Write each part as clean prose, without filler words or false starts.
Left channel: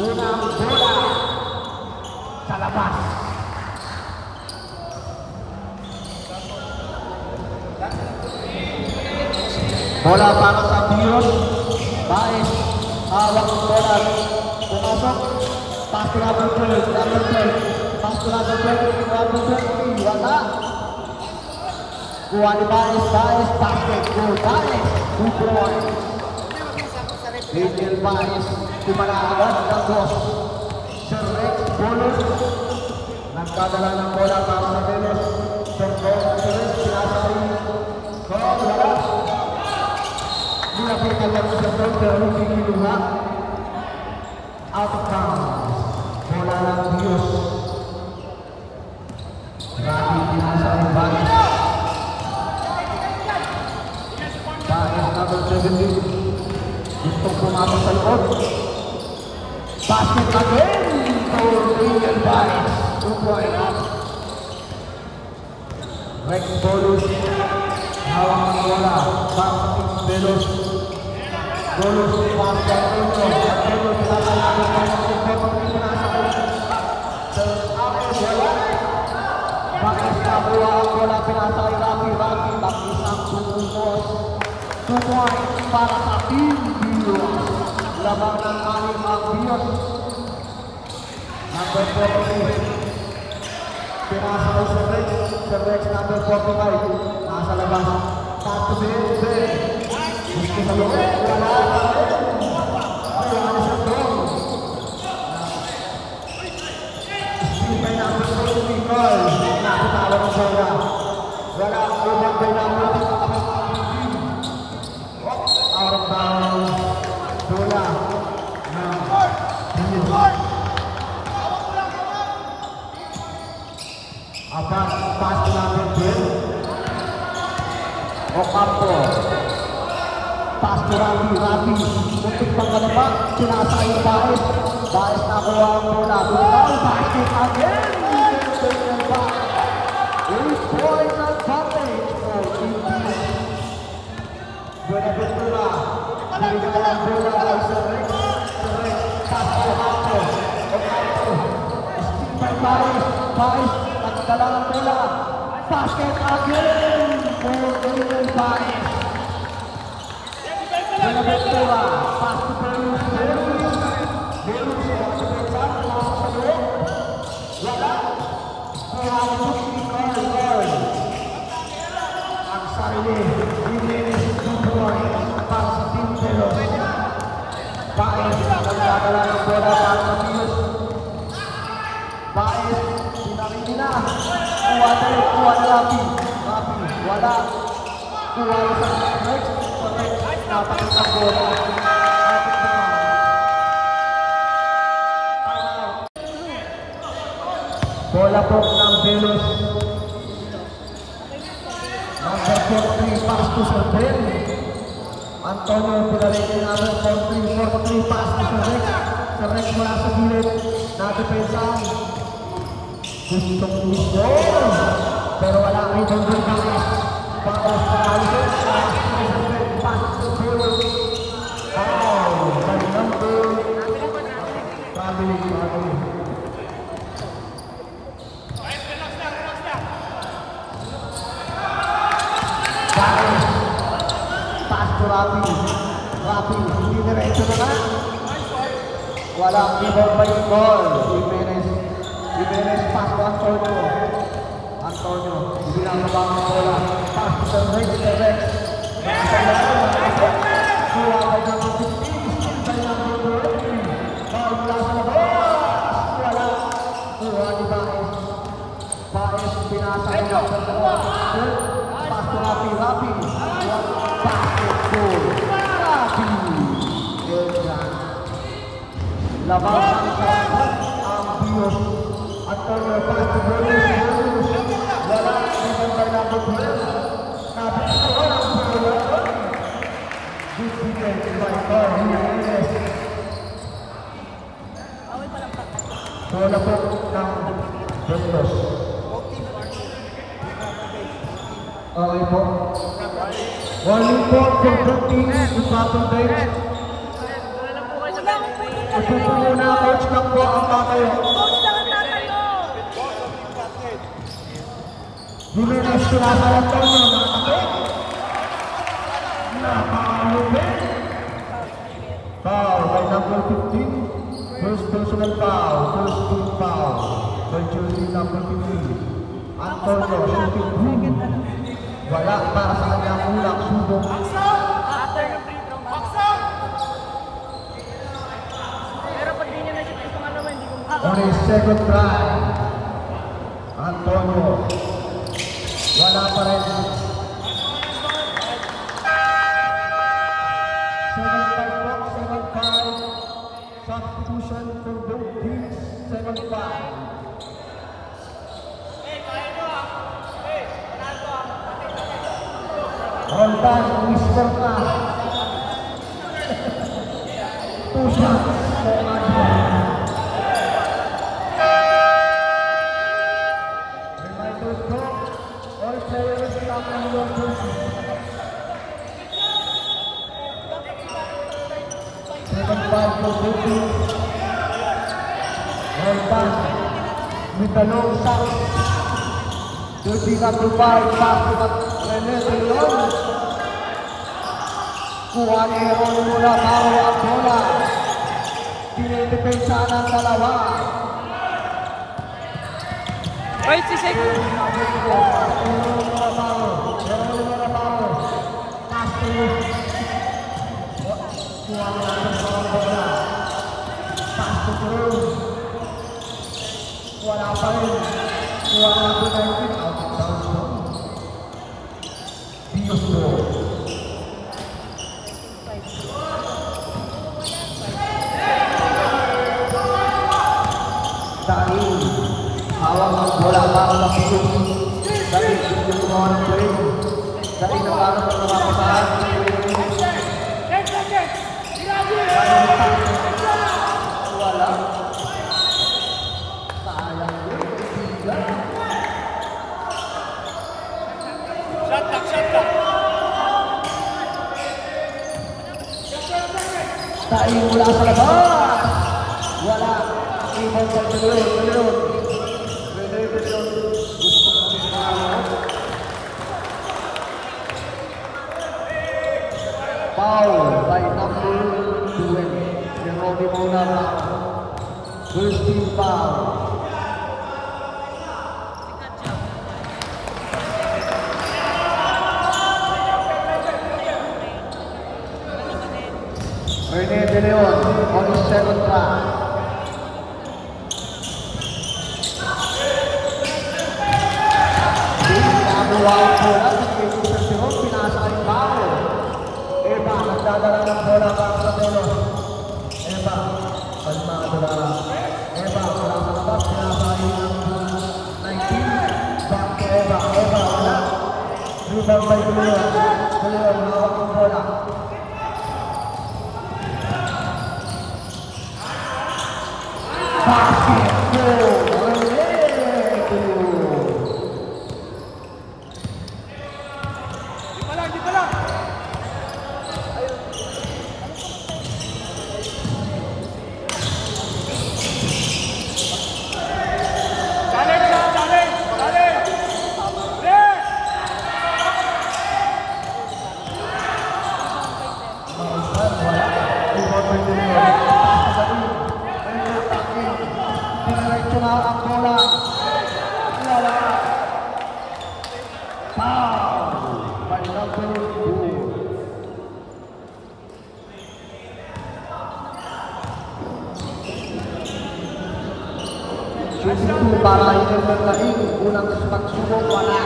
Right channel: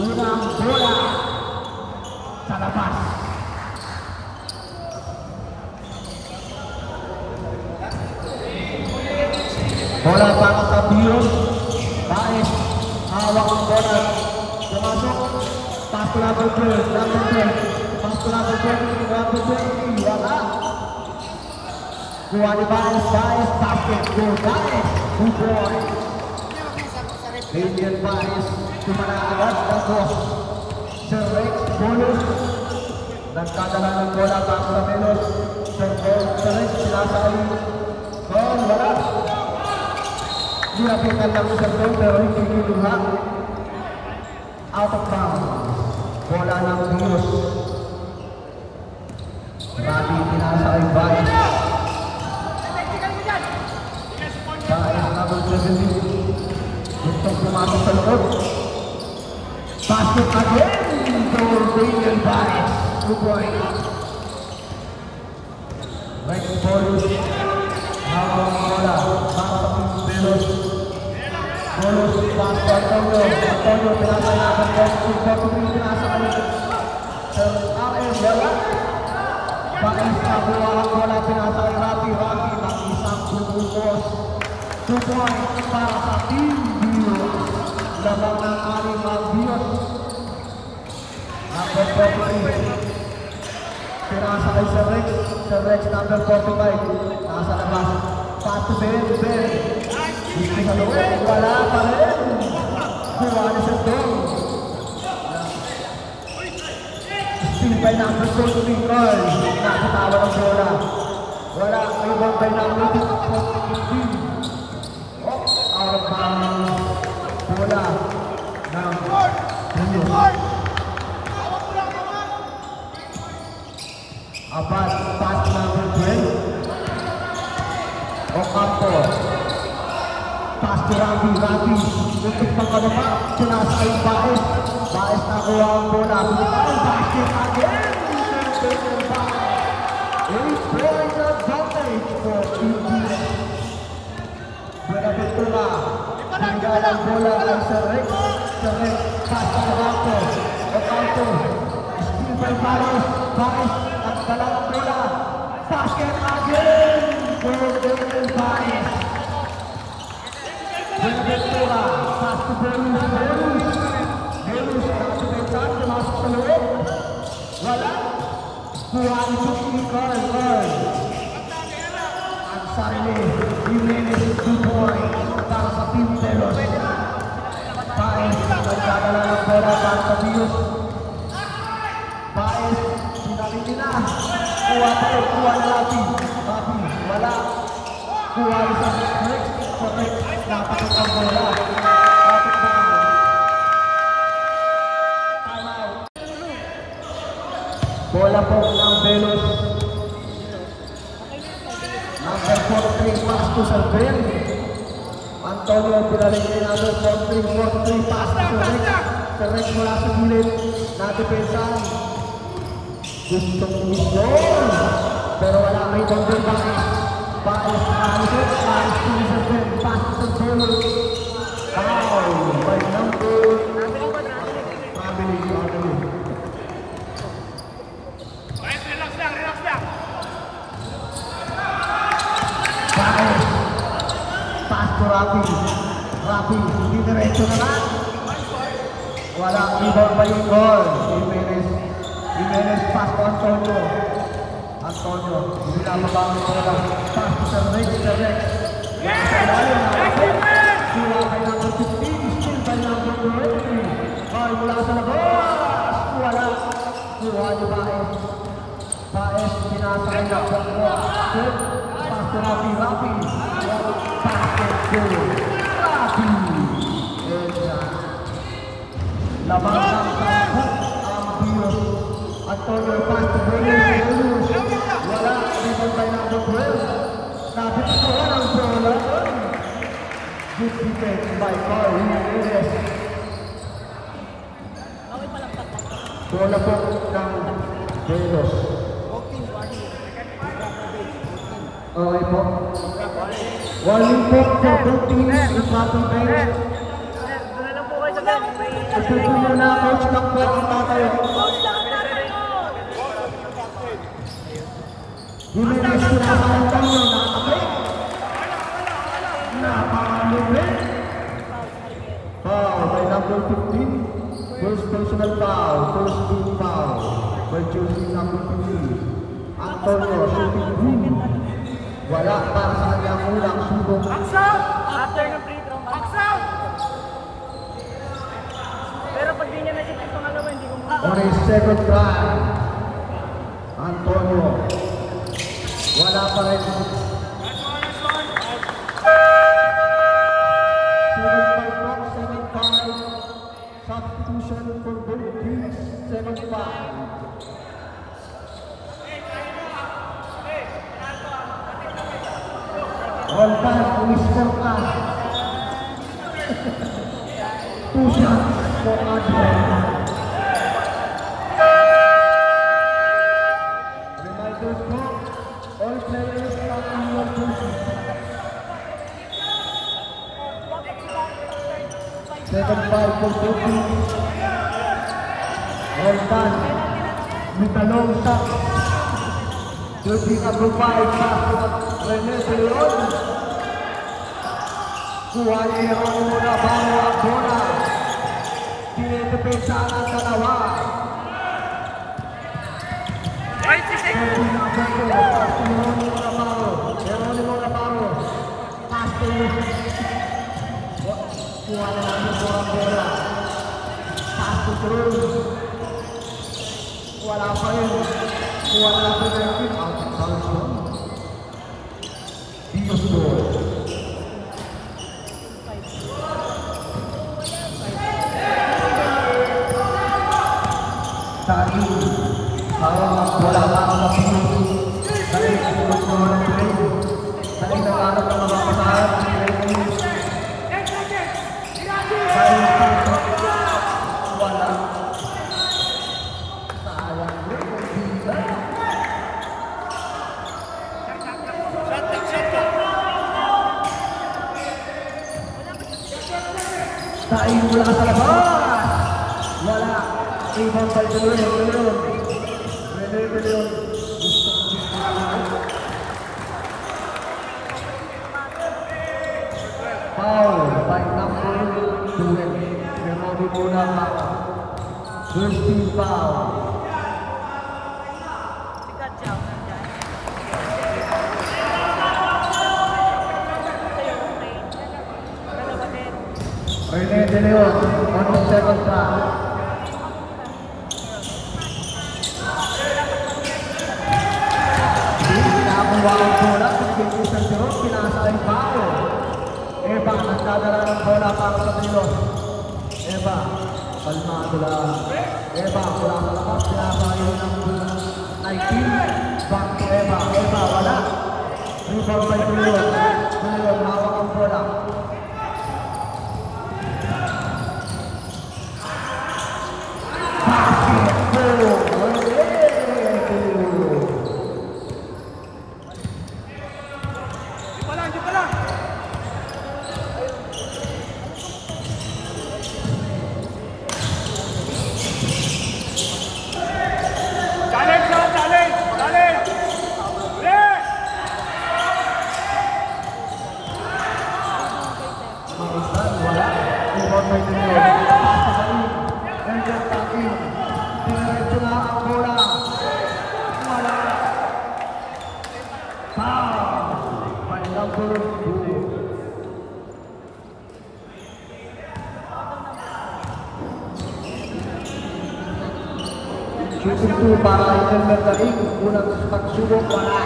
unang bola sa labas. Bola para sa Bios. Baris, hawak ang bola. Pumasok. Pass to number 12. Pass to number 12. Wala. Kuha ni Baris. Basket. Go. Baris. Bukon. Adrian Baris. Kumanagad. Bagos. Sir Rex. Bonus. Nagkadala ng bola para sa Belos. Sir Rex. Sinasay. Wala. Dilapikan lang sa gol pero hindi kinuha. Out of bounds. Bola ng Bios. Grabe pinasa ang Baris. Baris na mag-reveal. Gusto pumasa sa loob. Basket again. For Adrian Baris. 2 point. Rex Bonus. Hawak ang bola. Belos. Bonus pinasa Antonio pinasa natin wala. Bakit kabuha ang bola pinasa ay Rafi nakisang bubukos. 2 points para sa Team Bios. Labang maling ang Bios. Number 42 pinasa ay Sir Rex number 45 nasa labas. Pass to Bale. Gusto sa loob, wala pa rin. Kulang sa goal. Steve na ang goal to Nicole. Nakatawa ng bola. Wala, ibang by number 15. Out of bounds. Bola ng Bios. Apat, pass number 10. Ocampo. Pass to Rafi. Muntik pang kalapa. Pinasa ay Baris. Baris nakuha ang bola. Basket again. 8-point advantage for Indy. Buenaventura. Tinggal ang bola ay Sir Rex. Pass to Ocampo. Baris. Nagdala ang bola. Basket again for Baris. Buenaventura, pass to Belos. Masuk sa loob. Wala. Kuha ang Nicole. Ang sarili, Jimenez 2 points para sa Team Belos. Baris, nagdadala ng bola para sa Bios. Baris, sinabit nila. Kuha Rafi. Wala. Kuha sa Rex. Napakit ang bola. Bola po ng Belos. Number 43 pass to Sir Ben. Antonio pinalik niya number 43 pass to Sir Rex. Sir Rex mula sa gilid. Nadepensahan. Gustong i-score. Pero wala ang rebound din Baris. Baris na Baris. By number probably pass to Rafi, hindi diretso na lang. Wala ang rebound pa yung goal. Jimenez pass to Antonio. Hindi na mabang ang bola. Pass to Rex. Nasa ilalim ng kapit. Kuha by number 15. Still by number 20. Ball mula sa labas. Wala. Kuha ni Baris. Baris pinasa niya. Pass to Rafi. Basket goal. Rafi. Labas ang Bios. Antonio pass to Belos. Wala. Rebound by number 12. Nabistuhan ang bola. Good defense by Carl. Bola po ng Belos. Okay po. Warning po for 13 the Proton Bench. Pupo muna, coach lang po ang bakit. Jimenez sinasay Antonio na kapit. Napakalupit. Foul by number 15. First personal foul, first team foul. By jersey number 15. Antonio shooting green. Wala para sa kanyang unang subok. On a second try, Antonio. Wala pa rin. 7-5. Substitution for both teams. 7-5. On time, we score na. 2 shots. Number 5, Rene De Leon. Kuha niya yung muna bawa ang bola. Pinidepensa ng dalawa. Right, si Seko. Kuha niya ang bola. Pass to throw. Wala pa rin. Kuha niya ang bola. Out of bounds doon. Dios Lord. Tayo mula sa labas. Wala. Ibon pa ito. Foul by number 2. Sinabi muna na. First team foul. Rene De Leon on the 7th foul. Nagawa ang bola sa 20-21, pinasa yung bago. Eva, ang dadala ng bola para sa Telo. Eva, kalma ang bola. Eva, bola sa labas, pinasa yung number 19. Back to Eva, wala. Rebound by De Leon. De Leon, hawak ang bola. Siyempre para yung number 8, unang pagsubok, wala.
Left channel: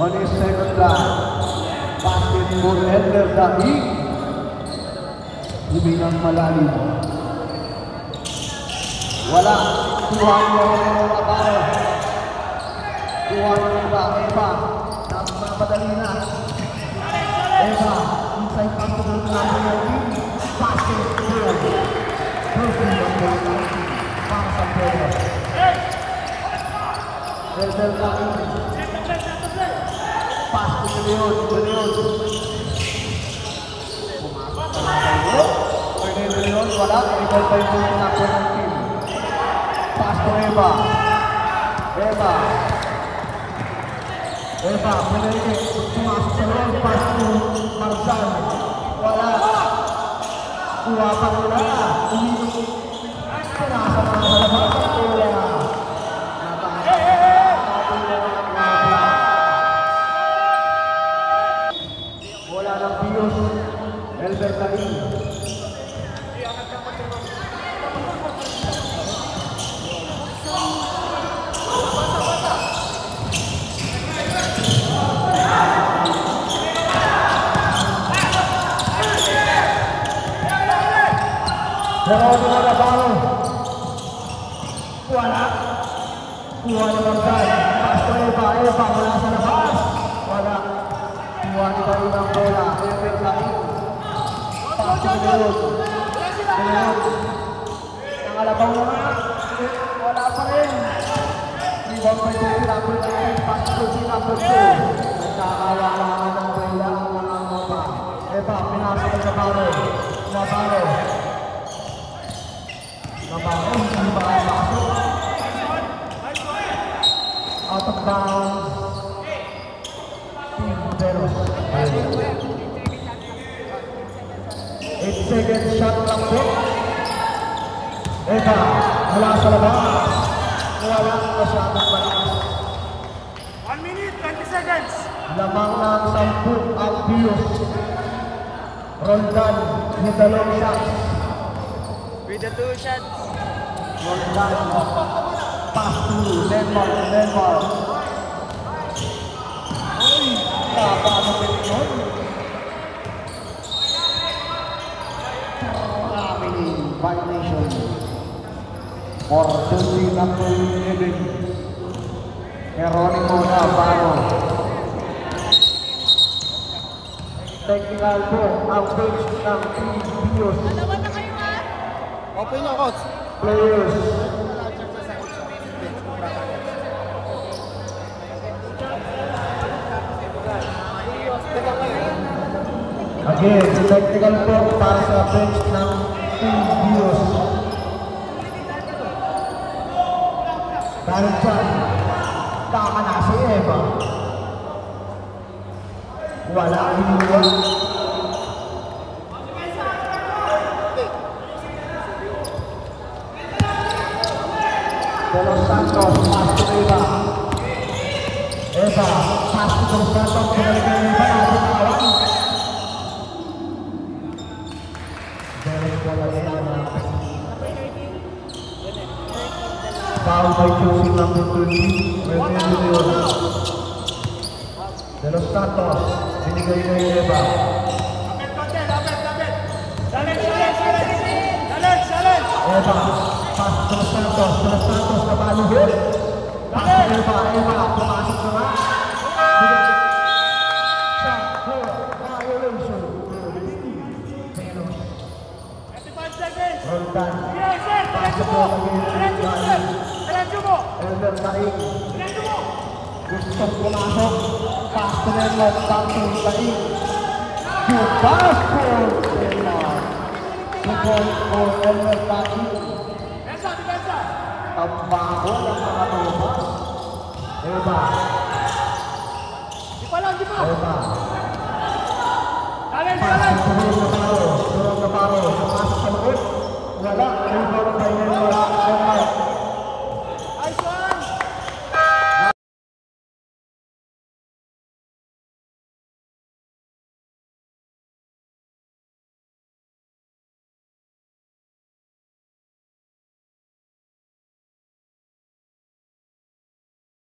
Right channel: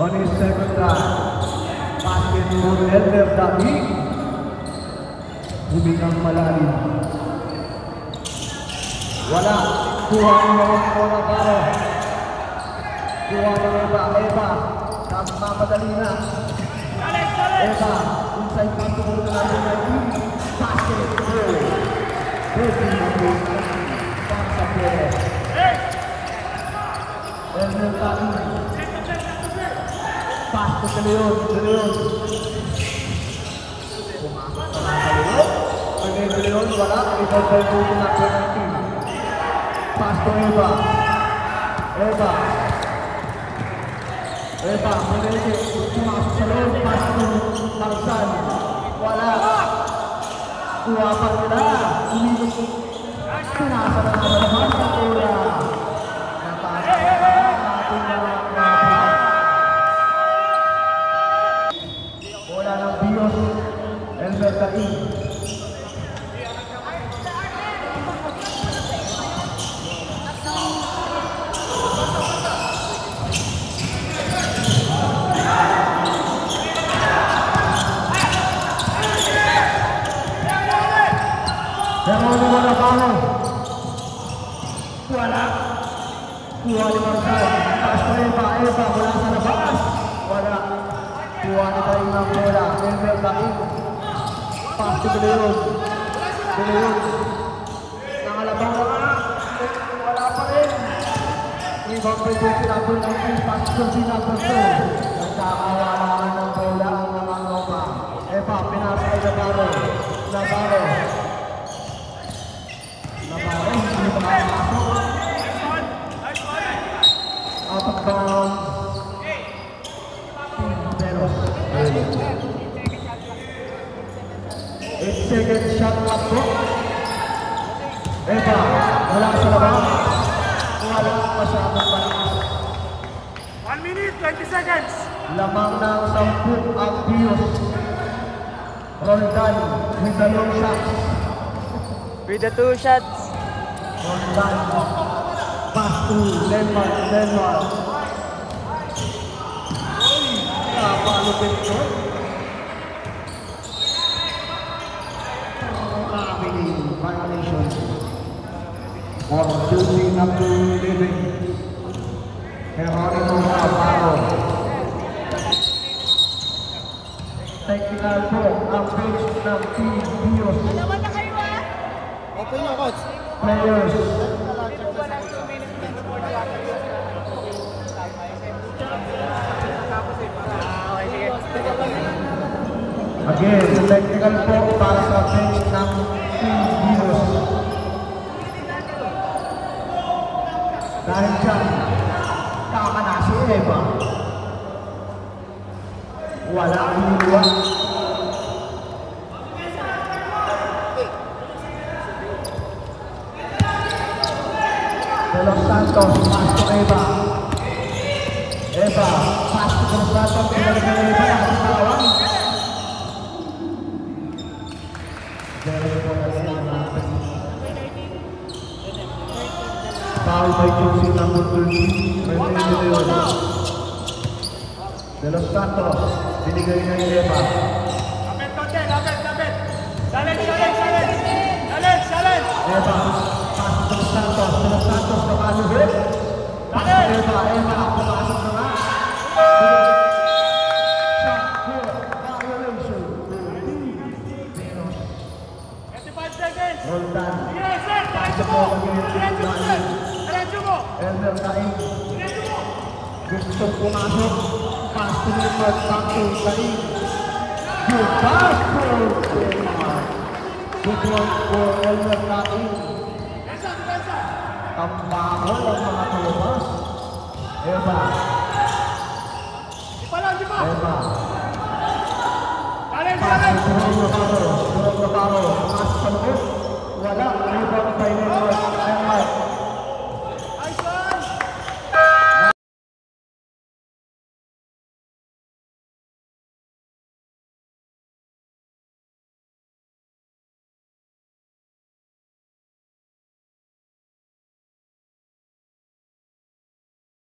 On his second round, basket for Edgar David. Huminang malalim. Wala. Kuha niya rin mo na baro. Kuha niya ba ang Eva. Mapadali na. Eva, inside pass to the David. Basket for Broken number 1. Para sa Pedro. Edgar David. Pass to De Leon. by Julie number 19. Pass to Eva. Eva, pinili. Pumasok si Lord. Pass to Marzal. Wala. Kuwapan na. Pinasa na naman. Wala ng Bios. Elber Gabi. Geronimo Navarro. Wala. Pass to Eva. Wala sa labas. Wala. Kuha na tayo ng bola. Elber Gabi. Pass to Leon. Pangalabang wala. Wala pa rin. Rebound by Julie number 19. Pass to Julie number 2. Nagkakalaman ng bola. Eva, pinasa kay Navarro. Hindi ba ang pasok? Out of bounds. Pero 8 seconds shot up po. Eva, wala sa labas. Wala na siya at balas. 1 minute, 20 seconds. Lamang ng 10 ang Bios. Roldan, with the long shots. With the 2 shots. Pass to Denmark. Tapalo ko yun. Violation. For Julie number 11. Geronimo Navarro. Technical ball ang base ng Team Bios. Open na, coach. Players. Again, the technical ball para sa bench ng Team Bios. Dahil dyan, tama na si Eva. Wala ang hiniwan. Los Santos, pass to Eva. Pass to Los Santos. Pinalik na Eva. Nasa kawang. Foul by Julie number 13. Referee Leon. De Los Santos. Binigay na Eva. Eva. Pass to Los Santos. Los Santos na manuhit. Pass to Eva. Pumasok naman. Shot for violation. Roldan. Pass to Eva. Elber Gabi. Gusto pumasok. Pass to Eva. Back to Gabi. Good pass for Eva. Good ball for Elber Gabi. Ang bakot ng mga Bios. Eva.